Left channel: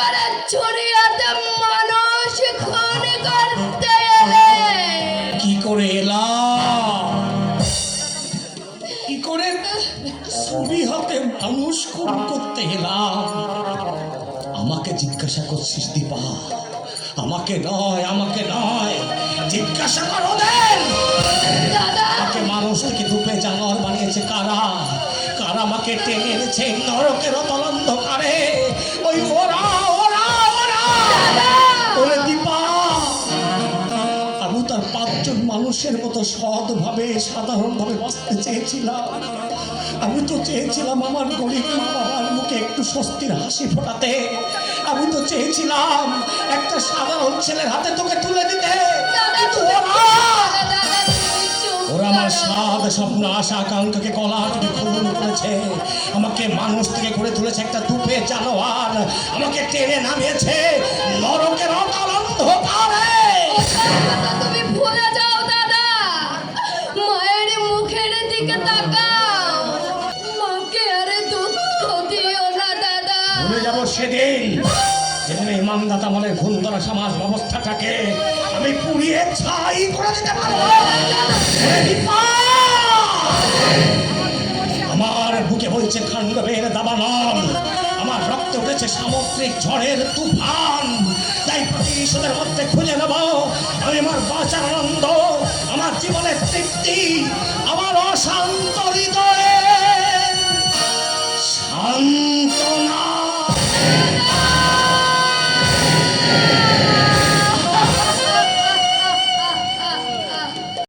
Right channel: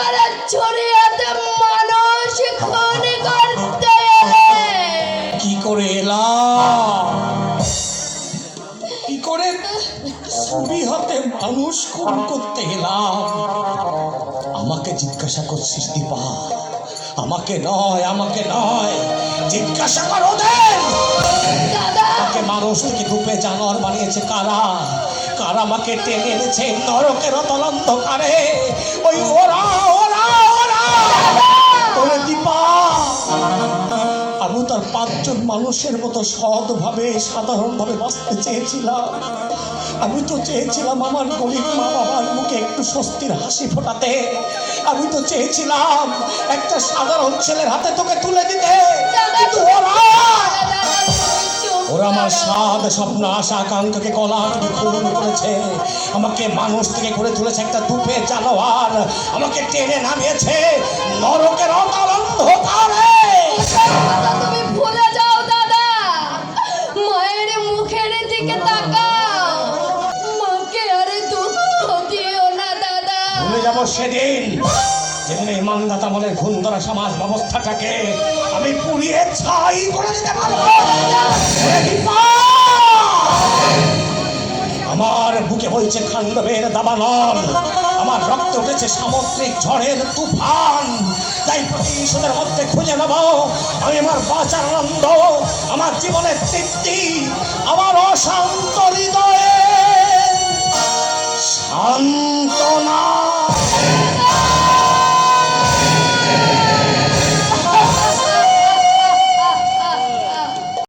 করে ছড়িয়াতে মানুষ খুন করতে এলে? কি করে এলাম? কি করে ছুরি হাতে মানুষ খুন করতে এলাম? আমাকে জিজ্ঞাসা করছিস দীপা? আমাকে নয়, আমাকে নয়, জিজ্ঞাসা কর ওদের। দাদা, আমাকে মানুষ থেকে রূপে জানোয়ার বানিয়েছে কারা? কারা আমাকে টেনে এনেছে নরকের অতল অন্ধকারে? ওই ওরা ওরা ওরা ওরে দীপা, আমি তার 5 জন মানুষের মতো সৎভাবে সাধারণভাবে বাঁচতে চেয়েছিলাম। আমি তো চেয়েছিলাম আমার গরিব মা বাবার মুখে একটু স্বস্তির হাসি ফোটাতে। আমি তো চেয়েছিলাম একটা সাধারণ ছেলের হাতে তোকে তুলে দিতে। কিন্তু ওরা আমার স্বাদ স্বপ্ন আশা আকাঙ্ক্ষাকে গলা থেকে খুন করেছে। আমাকে মানুষ থেকে করে তুলেছে একটা দুপে জানোয়ার। আমাকে টেনে নামিয়েছে নরকের অতল অন্ধকারে। দাদা, তুমি ভুলে যাও দাদা। মায়ের মুখের দিকে তাকাও। মাকে আরে দুঃখ দিও না দাদা। ভুলে যাবো সেদিন যেখানে ইমানদাতা আমলের খুন ধরা সমাজ ব্যবস্থাটাকে আমি পুড়িয়ে ছাই করে দিতে পারবো। আমার বুকে বলছে খান্ডবের দাবানল, আমার রক্ত উঠেছে সামুদ্রিক ঝড়ের তুফান। তাই প্রতিশোধের মধ্যে খুঁজে নেব আমি আমার বাঁচার আনন্দ, আমার জীবনের তৃপ্তি, আমার অশান্ত হৃদয়ে সান্ত্বনা।